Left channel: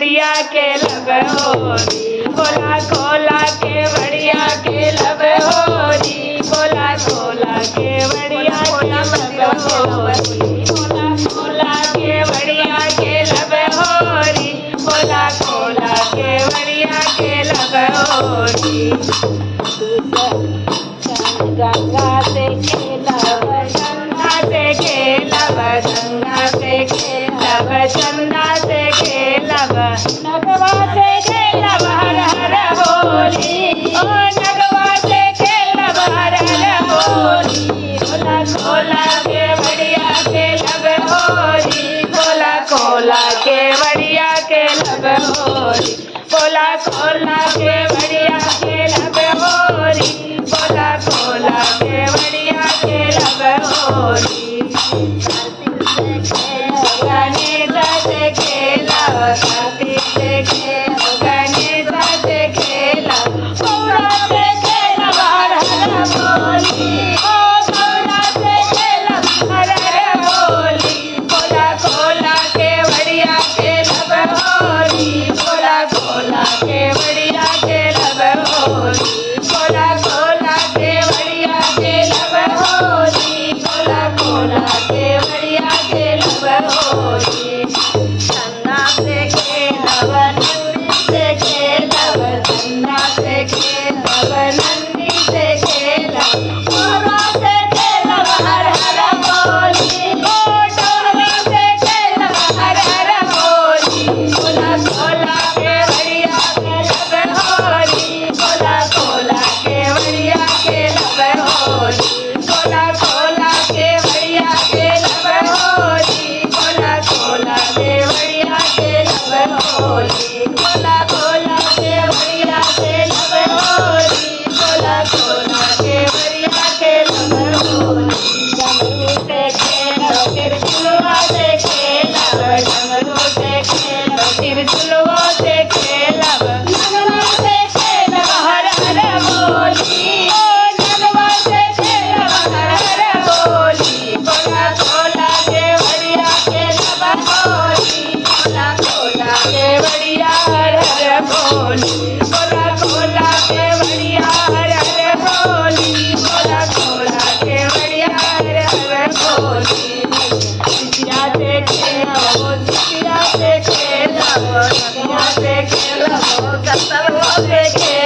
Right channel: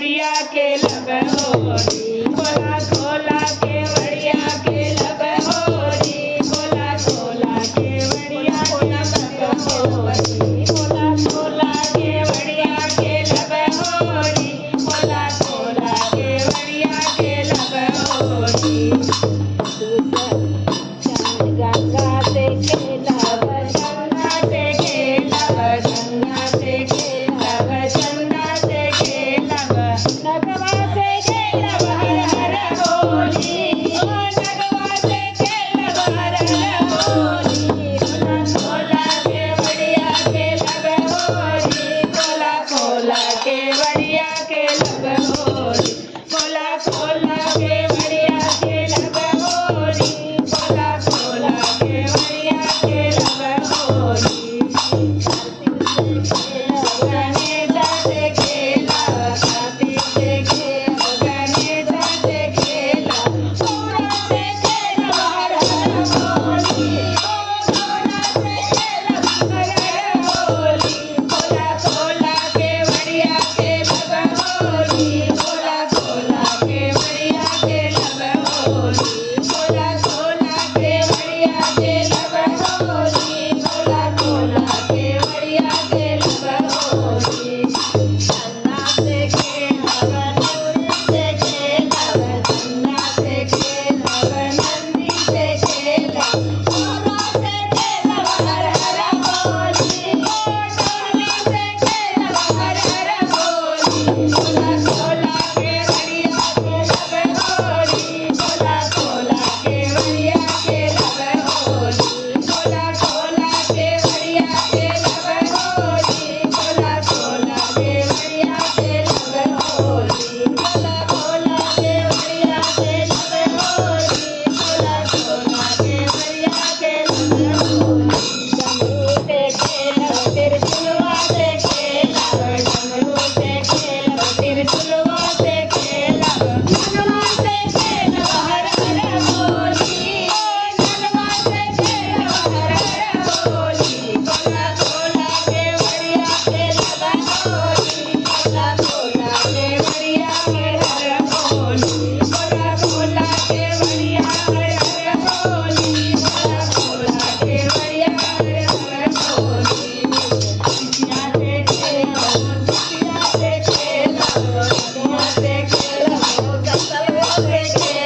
बढ़िया के लब होरी खोला खोला के बढ़िया के लब होरी खोला खोला के बढ़िया के लब होरी खोला खोला के बढ़िया के लब होरी खोला खोला के बढ़िया के लब होरी गंगा से खेलब चंदा से खेलब गंगा से खेलब चंदा से खेलब नगवा से खेलब हर हर बोली ओ नगवा से खेलब हर हर बोली खोला खोला के बढ़िया के लब होरी खोला खोला के बढ़िया के लब होरी खोला खोला के बढ़िया के लब होरी खोला खोला के बढ़िया के लब होरी गणेश से खेलब कार्तिक से खेलब गणेश से खेलब गौरा से खेलब हर हर बोली ओ गौरा से खेलब हर हर बोली खोला खोला के बढ़िया के लब होरी खोला खोला के बढ़िया के लब होरी खोला खोला के बढ़िया के लब होरी खोला खोला के बढ़िया के लब होरी चंदा से खेलब नंदी से खेलब चंदा से खेलब नंदी से खेलब गौरा से खेलब हर हर बोली ओ डोरवा से खेलब हर हर बोली खोला खोला के बढ़िया के लब होरी खोला खोला के बढ़िया के लब होरी खोला खोला के बढ़िया के लब होरी खोला खोला के बढ़िया के लब होरी खोला खोला के बढ़िया के लब होरी खोला खोला के बढ़िया के लब होरी डमरू से खेलब तिरछुलवा से खेलब डमरू से खेलब तिरछुलवा से खेलब नगवा से खेलब हर हर बोली ओ नगवा से खेलब हर हर बोली खोला खोला के बढ़िया के लब होरी खोला खोला के बढ़िया हर हर बोली खोला खोला के बढ़िया हर हर बोली खोला खोला के बढ़िया हर हर बोली सिया से खेलब सिया से खेलब सिया से खेलब कसलवा से खेलब